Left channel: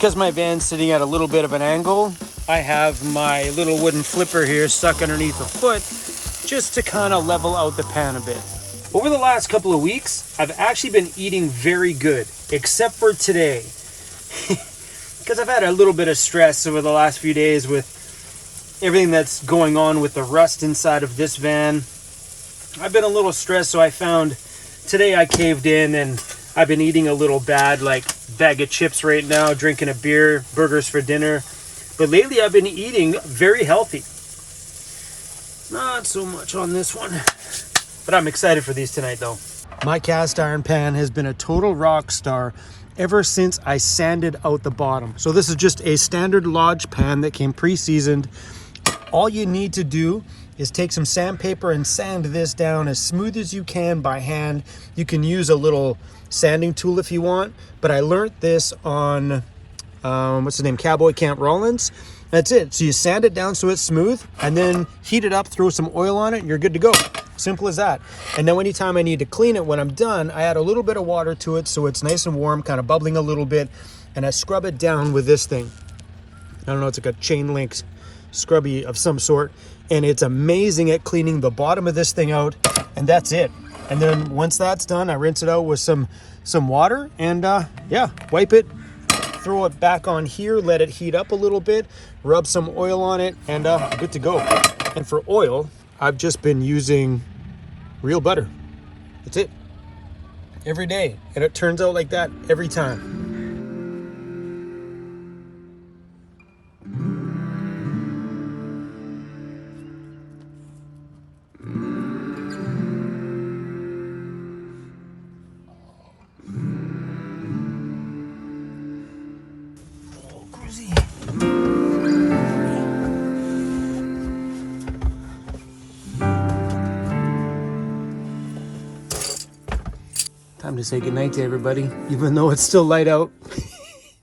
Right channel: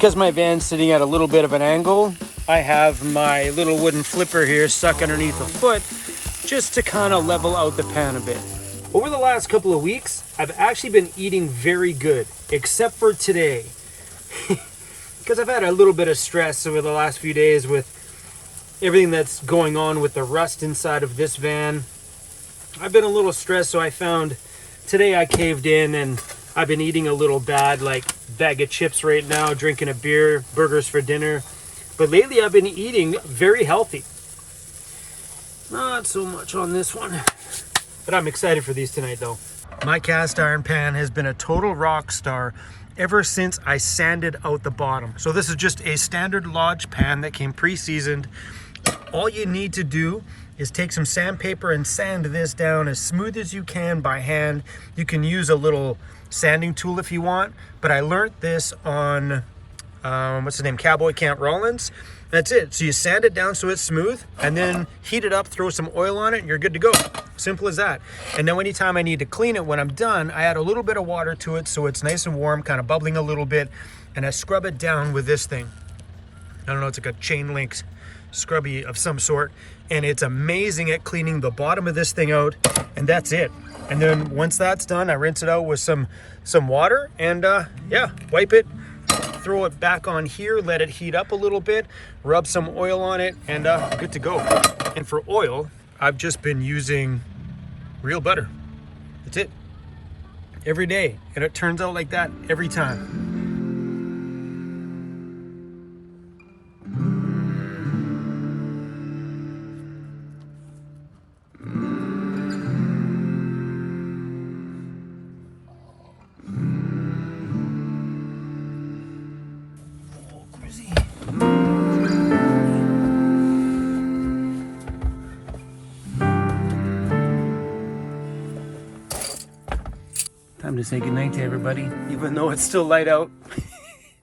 Because my van's sitting at a little bit of an angle, I have my little wooden flipper here stuck underneath the foot just to kind of level out the pan a bit. Over the last couple of weeks, I've actually been eating very good, except for today. Because I've had a little bit of stress over the last few days with everything that's going on with the rust inside of this van. I've been a little stressed, so I found today I caved in and I've been eating a little bad, like bag of chips right now, drinking a beer, burgers for dinner. But lately I've been eating very healthy. Not so much on this one, but I'm excited for these tonight though. My cast iron pan has been a total rock star ever since I sanded out the bottom. So this is just a standard Lodge pan that came pre-seasoned. All you need to do is take some sandpaper and sand this down as smooth as you can by hand. You can use a little sanding tool if you want, but I learned this on, what's his name, Cowboy Camp Rollins. That's it. So you sand it down so it's smooth and then heat it up, throw some oil on it, and you're good to go. Simple as that. And now anytime I need to clean it, when I'm done, I add a little bit of water to it so it's nice and warm, kind of bubbling a little bit, and I scrub it down with this thing. I don't know, it's like a chain link scrubby of some sort, and it's amazing at cleaning the bottom of this thing out, and that's it. And then once that's done, I rinse it out with some water and yeah, wipe it, throw it back on here, let it heat up a little bit, rub some oil on it, and good to go. And for oil, I've just been using real butter. That's it. Every day. And it turns out like that every time. Time to say goodnight to everybody, even though it's still light out.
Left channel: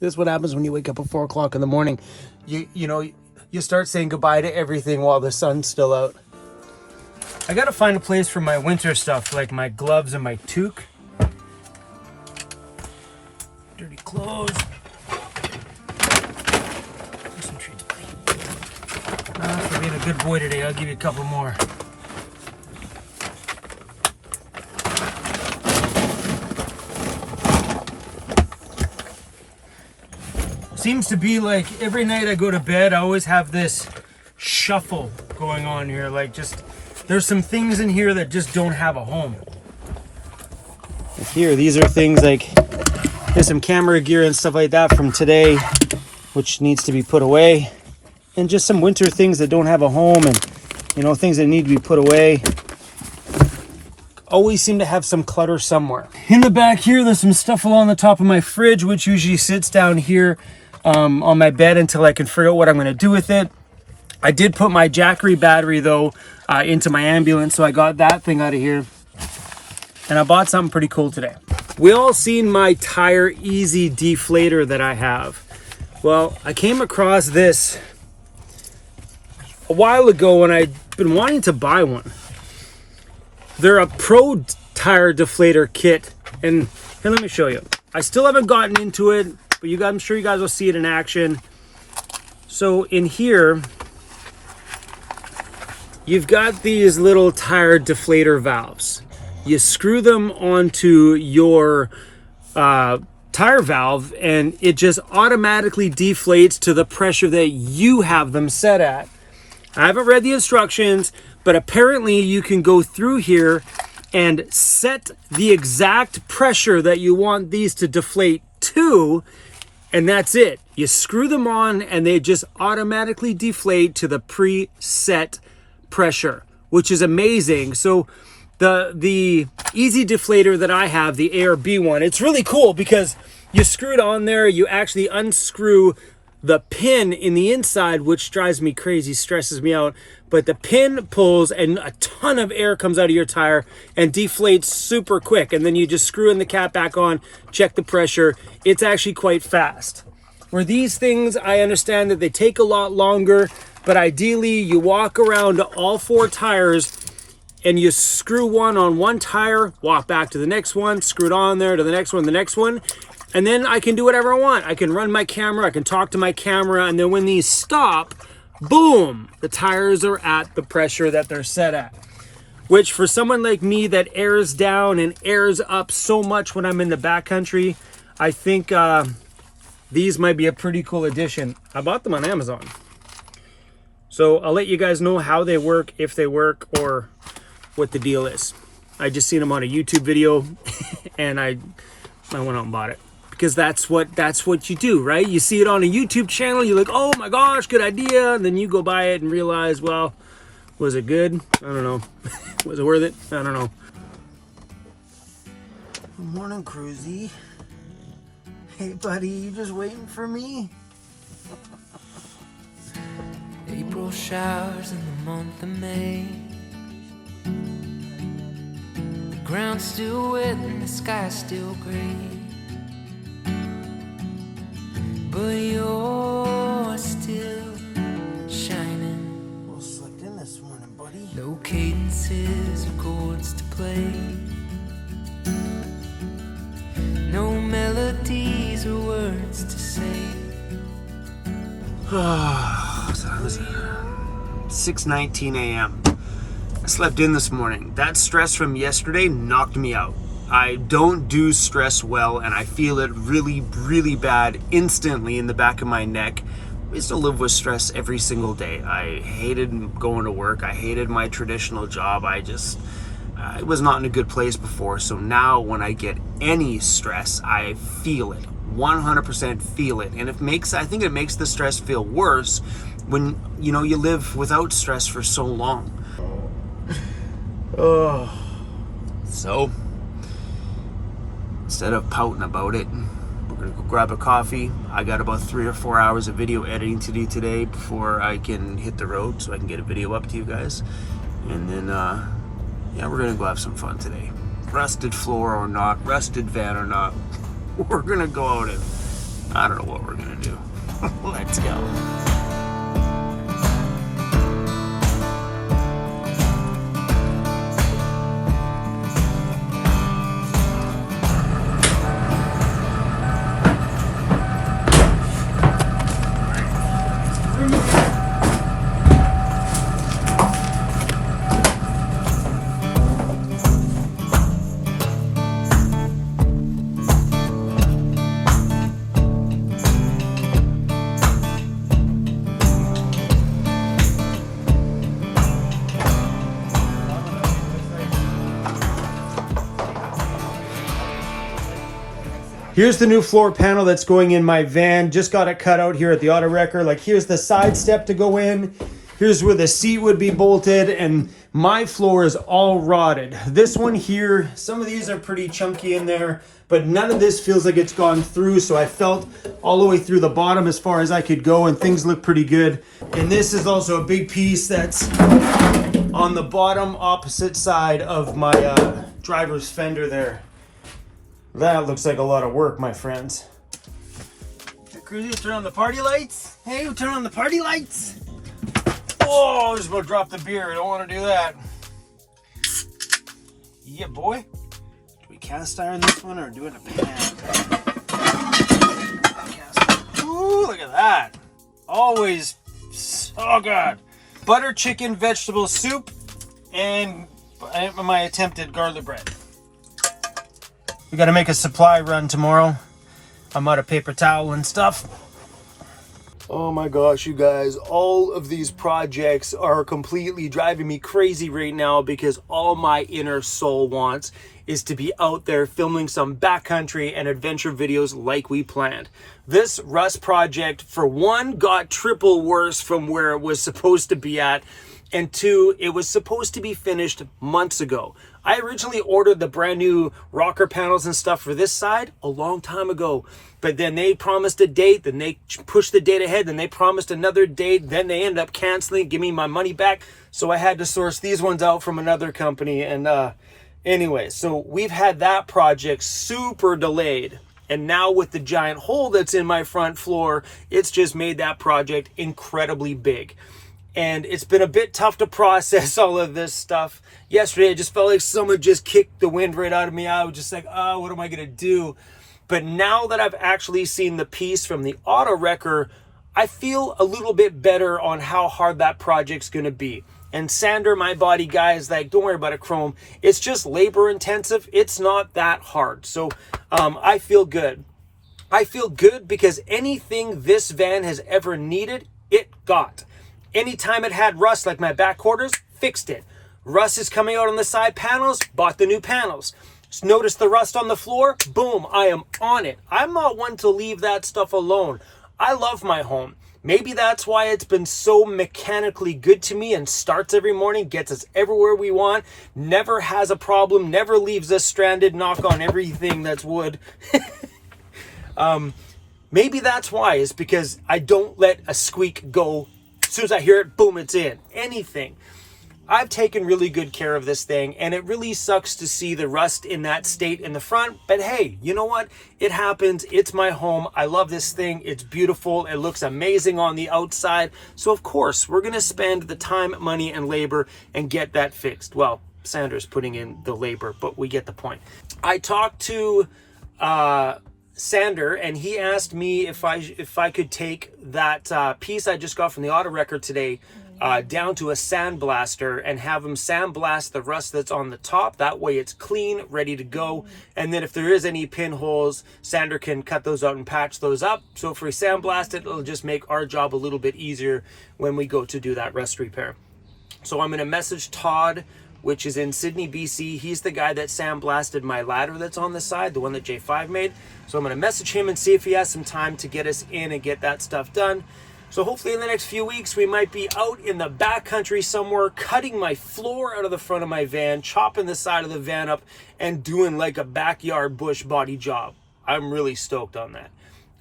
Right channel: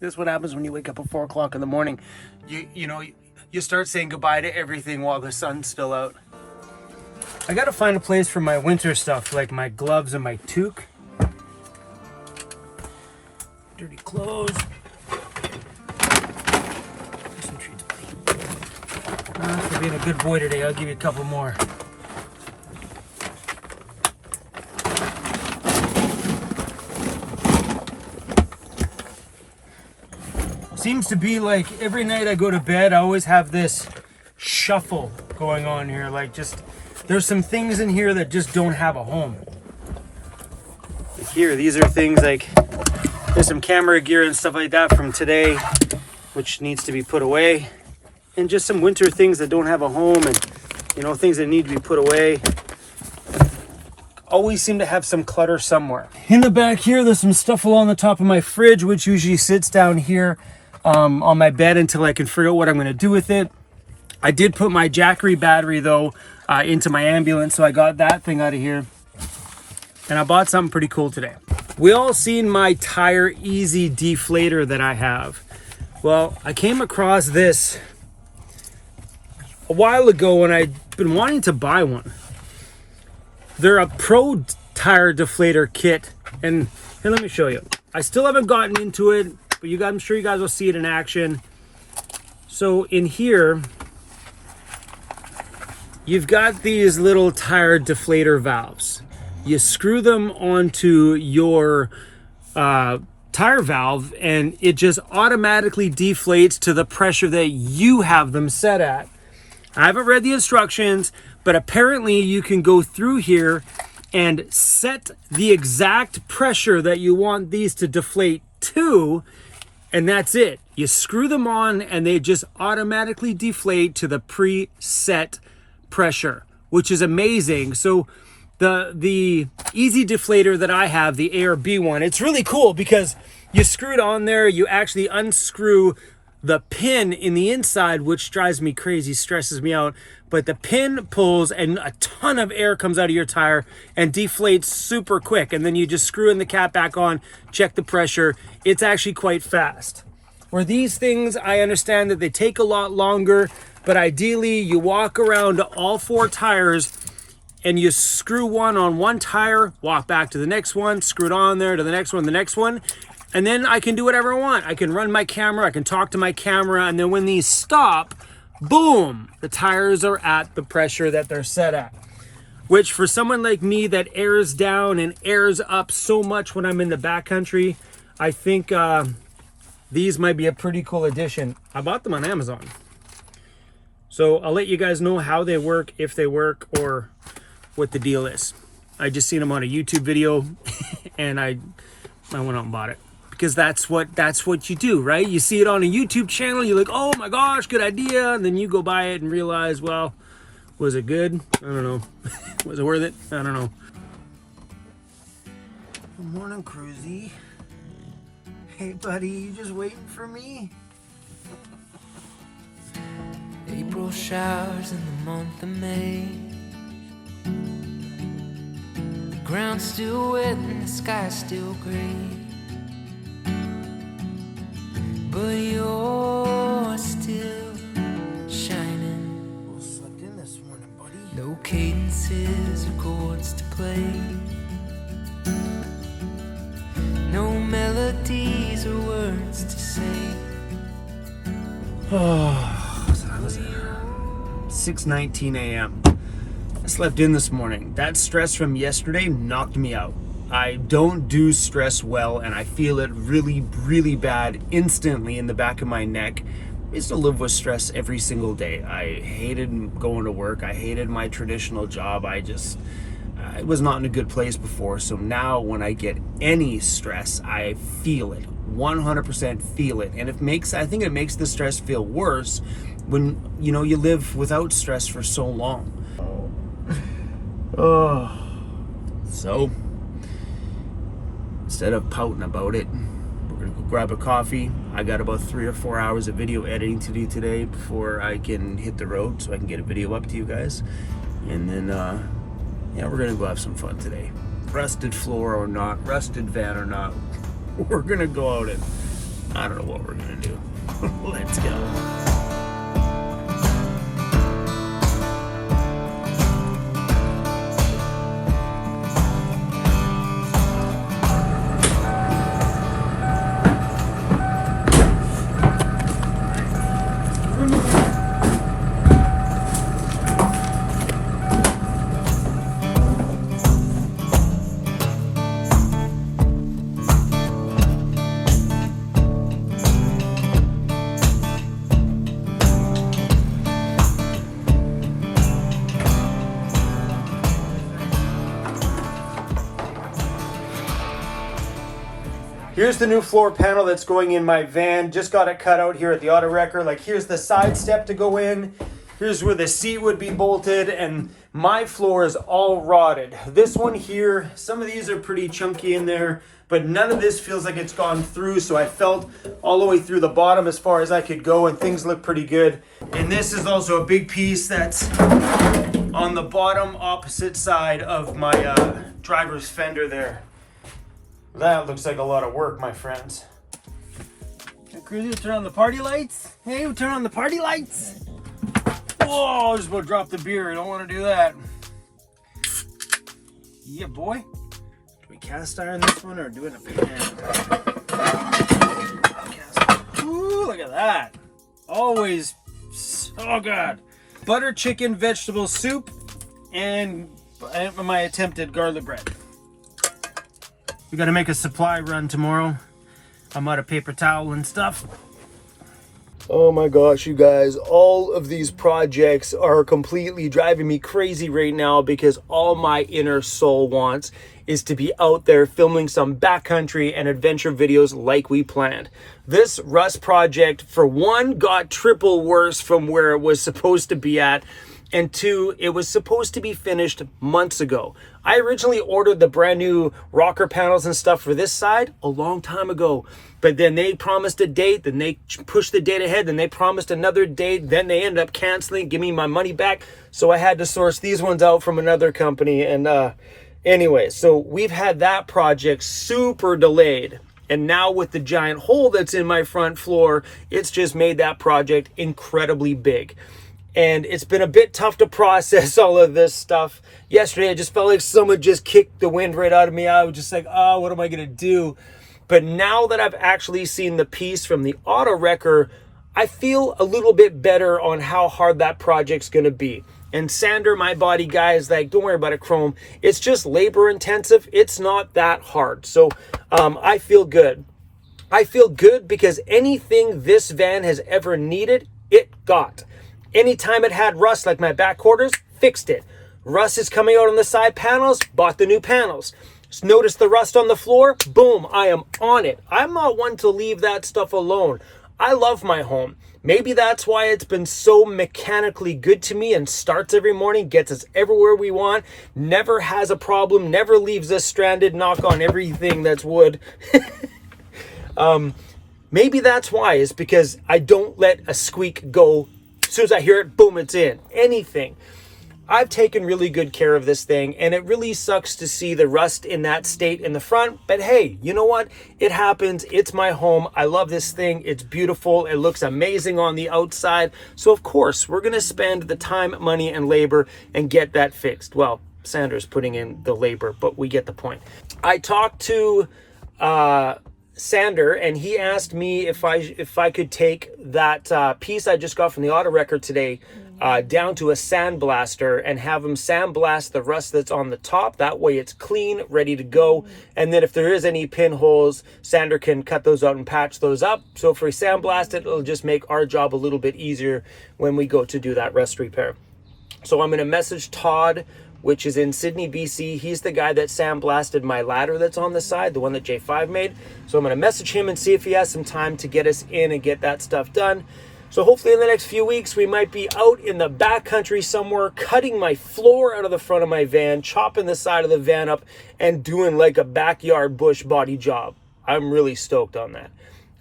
This is what happens when you wake up at 4 o'clock in the morning. You know, you start saying goodbye to everything while the sun's still out. I gotta find a place for my winter stuff, like my gloves and my toque. Dirty clothes. Some treats, buddy. For being a good boy today, I'll give you a couple more. Seems to be like every night I go to bed, I always have this shuffle going on here. Like just, there's some things in here that just don't have a home. Here, these are things like, there's some camera gear and stuff like that from today, which needs to be put away. And just some winter things that don't have a home and, you know, things that need to be put away. Always seem to have some clutter somewhere. In the back here, there's some stuff along the top of my fridge, which usually sits down here on my bed until I can figure out what I'm going to do with it. I did put my Jackery battery though into my ambulance, so I got that thing out of here. And I bought something pretty cool today. We all seen my Tire Easy deflator that I have. Well, I came across this a while ago and I'd been wanting to buy one. They're a pro tire deflator kit, and here, let me show you. I still haven't gotten into it, but I'm sure you guys will see it in action. So in here, you've got these little tire deflator valves. You screw them onto your tire valve, and it just automatically deflates to the pressure that you have them set at. I haven't read the instructions, but apparently you can go through here and set the exact pressure that you want these to deflate to, and that's it. You screw them on and they just automatically deflate to the preset pressure, which is amazing. So the Easy deflator that I have, the ARB one, it's really cool because you screw it on there, you actually unscrew the pin in the inside, which drives me crazy, stresses me out. But the pin pulls and a ton of air comes out of your tire and deflates super quick. And then you just screw in the cap back on, check the pressure. It's actually quite fast. Where these things, I understand that they take a lot longer, but ideally you walk around all 4 tires and you screw one on one tire, walk back to the next one, screw it on there to the next one, And then I can do whatever I want. I can run my camera, I can talk to my camera, and then when these stop, boom, the tires are at the pressure that they're set at. Which for someone like me that airs down and airs up so much when I'm in the backcountry, I think these might be a pretty cool addition. I bought them on Amazon. So I'll let you guys know how they work, if they work, or what the deal is. I just seen them on a YouTube video and I went out and bought it. Because that's what you do, right? You see it on a YouTube channel, you're like, oh my gosh, good idea. And then you go buy it and realize, well, was it good? I don't know. Was it worth it? I don't know. Good morning, Cruzy. Hey, buddy, you just waiting for me? April showers in the month of May. The ground's still wet and the sky's still gray. But you're still shining. Well, slept in this morning, buddy. No cadences or chords to play. No melodies or words to say. 6:19 a.m. I slept in this morning. That stress from yesterday knocked me out. I don't do stress well, and I feel it really, really bad instantly in the back of my neck. I used to live with stress every single day. I hated going to work. I hated my traditional job. I was not in a good place before. So now when I get any stress, I feel it. 100% feel it. And I think it makes the stress feel worse when, you live without stress for so long. Oh. So instead of pouting about it, we're gonna go grab a coffee. I got about 3 or 4 hours of video editing to do today before I can hit the road so I can get a video up to you guys. And then, we're gonna go have some fun today. Rusted floor or not, rusted van or not, we're gonna go out and I don't know what we're gonna do. Let's go. Here's the new floor panel that's going in my van. Just got it cut out here at the auto wrecker. Like, here's the side step to go in. Here's where the seat would be bolted, and my floor is all rotted. This one here, some of these are pretty chunky in there, but none of this feels like it's gone through, so I felt all the way through the bottom as far as I could go, and things look pretty good. And this is also a big piece that's on the bottom opposite side of my driver's fender there. That looks like a lot of work, my friends. Hey, Cruzy, turn on the party lights. Hey, we turn on the party lights. Whoa, I just about dropped the beer. I don't want to do that. Yeah, boy. Do we cast iron this one or do it in a pan? Ooh, look at that. Always so good. Butter chicken vegetable soup and my attempted garlic bread. We gotta make a supply run tomorrow. I'm out of paper towel and stuff. Oh my gosh, you guys, all of these projects are completely driving me crazy right now because all my inner soul wants is to be out there filming some backcountry and adventure videos like we planned. This rust project, for one, got triple worse from where it was supposed to be at. And two, it was supposed to be finished months ago. I originally ordered the brand new rocker panels and stuff for this side a long time ago. But then they promised a date, then they pushed the date ahead, then they promised another date, then they ended up canceling, give me my money back. So I had to source these ones out from another company. And anyway, so we've had that project super delayed. And now with the giant hole that's in my front floor, it's just made that project incredibly big. And it's been a bit tough to process all of this stuff. Yesterday, I just felt like someone just kicked the wind right out of me. I was just like, oh, what am I going to do? But now that I've actually seen the piece from the auto wrecker, I feel a little bit better on how hard that project's going to be. And Sander, my body guy, is like, don't worry about it, Chrome. It's just labor intensive. It's not that hard. So I feel good. I feel good because anything this van has ever needed, it got. Anytime it had rust, like my back quarters, fixed it. Rust is coming out on the side panels, bought the new panels. Notice the rust on the floor, boom, I am on it. I'm not one to leave that stuff alone. I love my home. Maybe that's why it's been so mechanically good to me and starts every morning, gets us everywhere we want, never has a problem, never leaves us stranded, knock on everything that's wood. Maybe that's why, is because I don't let a squeak go. As soon as I hear it, boom, it's in. Anything. I've taken really good care of this thing, and it really sucks to see the rust in that state in the front. But hey, you know what? It happens. It's my home. I love this thing. It's beautiful. It looks amazing on the outside. So of course, we're going to spend the time, money, and labor and get that fixed. Well, Sander's putting in the labor, but we get the point. I talked to Sander, and he asked me if I could take that piece I just got from the auto wrecker today down to a sandblaster and have him sandblast the rust that's on the top. That way it's clean, ready to go. And then if there is any pinholes, Sander can cut those out and patch those up. So if we sandblast it, it'll just make our job a little bit easier when we go to do that rust repair. So I'm going to message Todd, which is in Sydney, BC. He's the guy that sandblasted my ladder that's on the side, the one that J5 made. So I'm going to message him and see if he has some time to get us in and get that stuff done. So hopefully in the next few weeks, we might be out in the backcountry somewhere, cutting my floor out of the front of my van, chopping the side of the van up, and doing like a backyard bush body job. I'm really stoked on that.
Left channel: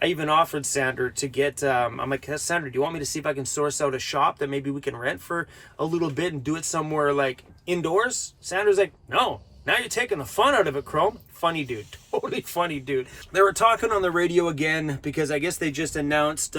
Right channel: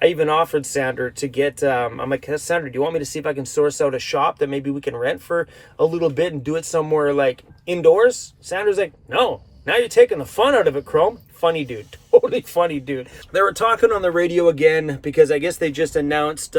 I even offered Sander to get, I'm like, Sander, do you want me to see if I can source out a shop that maybe we can rent for a little bit and do it somewhere like indoors? Sander's like, no, now you're taking the fun out of it, Chrome. Funny dude, totally funny dude. They were talking on the radio again because I guess they just announced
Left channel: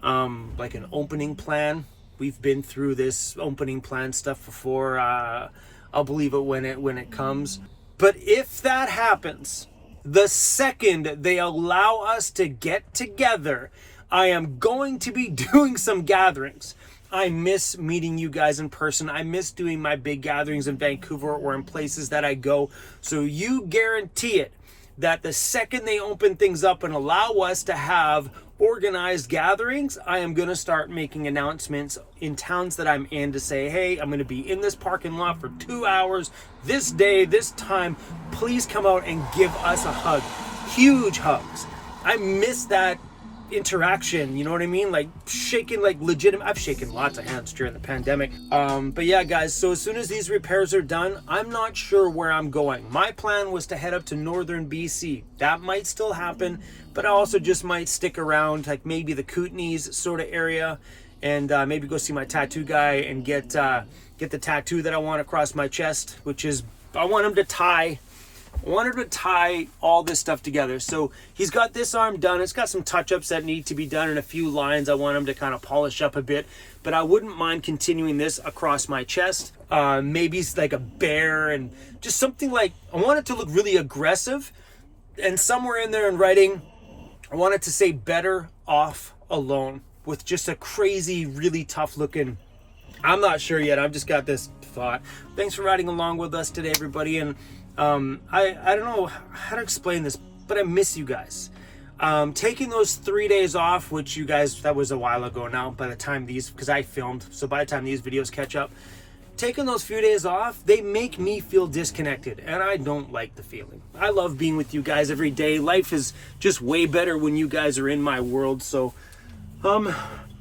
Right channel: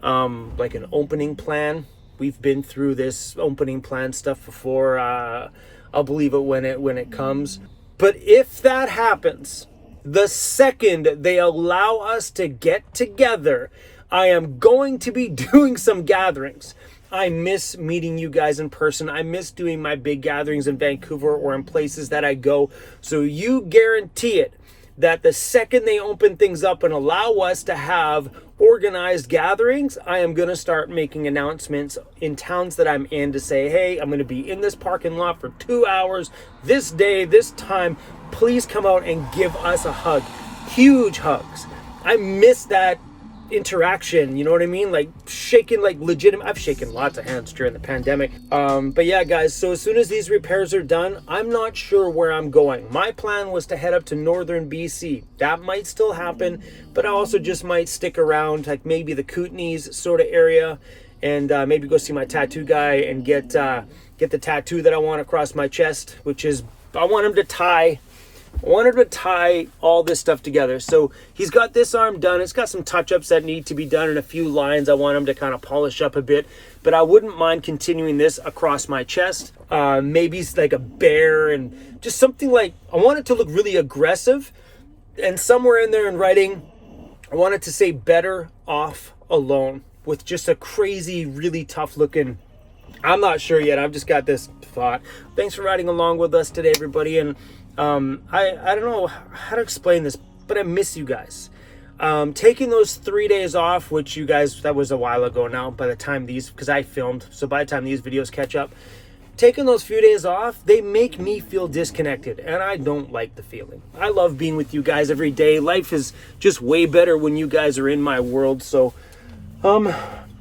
like an opening plan. We've been through this opening plan stuff before. I'll believe it when it comes. But if that happens, the second they allow us to get together, I am going to be doing some gatherings. I miss meeting you guys in person. I miss doing my big gatherings in Vancouver or in places that I go. So you guarantee it that the second they open things up and allow us to have organized gatherings, I am going to start making announcements in towns that I'm in to say, hey, I'm going to be in this parking lot for 2 hours, this day, this time. Please come out and give us a hug. Huge hugs. I miss that interaction, you know what I mean? Like shaking, like legitimate. I've shaken lots of hands during the pandemic. But yeah, guys, so as soon as these repairs are done, I'm not sure where I'm going. My plan was to head up to northern BC. That might still happen, but I also just might stick around, like maybe the Kootenays sort of area, and maybe go see my tattoo guy and get the tattoo that I want across my chest, which is, I want him to tie all this stuff together. So he's got this arm done. It's got some touch-ups that need to be done and a few lines I want him to kind of polish up a bit. But I wouldn't mind continuing this across my chest. Maybe it's like a bear and just something like, I want it to look really aggressive. And somewhere in there in writing, I want it to say better off alone, with just a crazy, really tough looking, I'm not sure yet. I've just got this thought. Thanks for riding along with us today, everybody. And I don't know how to explain this, but I miss you guys. Taking those 3 days off, which you guys, that was a while ago now by the time these, because I filmed, so by the time these videos catch up, taking those few days off, they make me feel disconnected, and I don't like the feeling. I love being with you guys every day. Life is just way better when you guys are in my world. So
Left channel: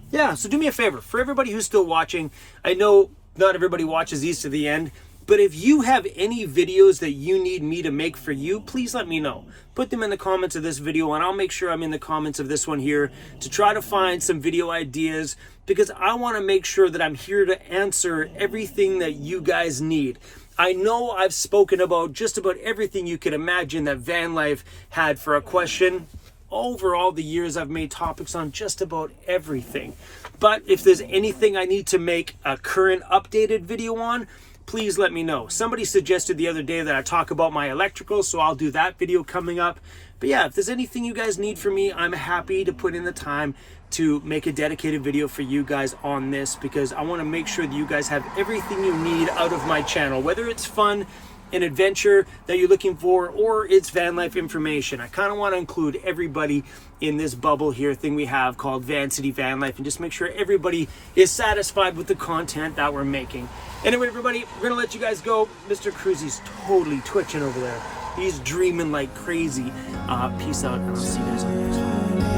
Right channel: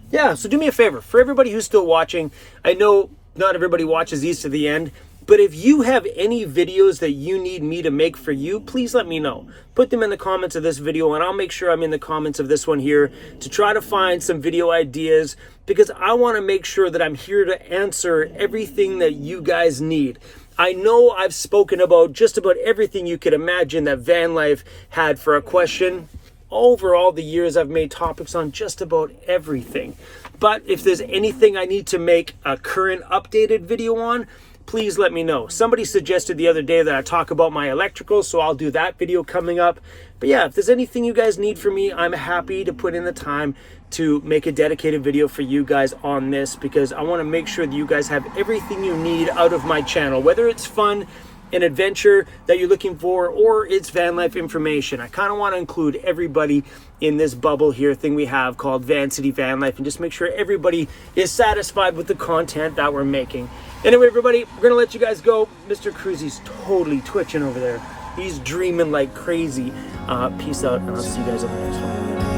yeah, so do me a favor, for everybody who's still watching, I know not everybody watches these to the end, but if you have any videos that you need me to make for you, please let me know. Put them in the comments of this video, and I'll make sure I'm in the comments of this one here to try to find some video ideas, because I want to make sure that I'm here to answer everything that you guys need. I know I've spoken about just about everything you could imagine that van life had for a question. Over all the years, I've made topics on just about everything. But if there's anything I need to make a current updated video on, please let me know. Somebody suggested the other day that I talk about my electrical, so I'll do that video coming up. But yeah, if there's anything you guys need from me, I'm happy to put in the time to make a dedicated video for you guys on this, because I want to make sure that you guys have everything you need out of my channel, whether it's fun, an adventure that you're looking for, or it's van life information. I kind of want to include everybody in this bubble here thing we have called Van City Van Life, and just make sure everybody is satisfied with the content that we're making. Anyway, everybody, we're gonna let you guys go. Mr. Cruzy's totally twitching over there. He's dreaming like crazy. Peace out, and I'll see you guys on the next one.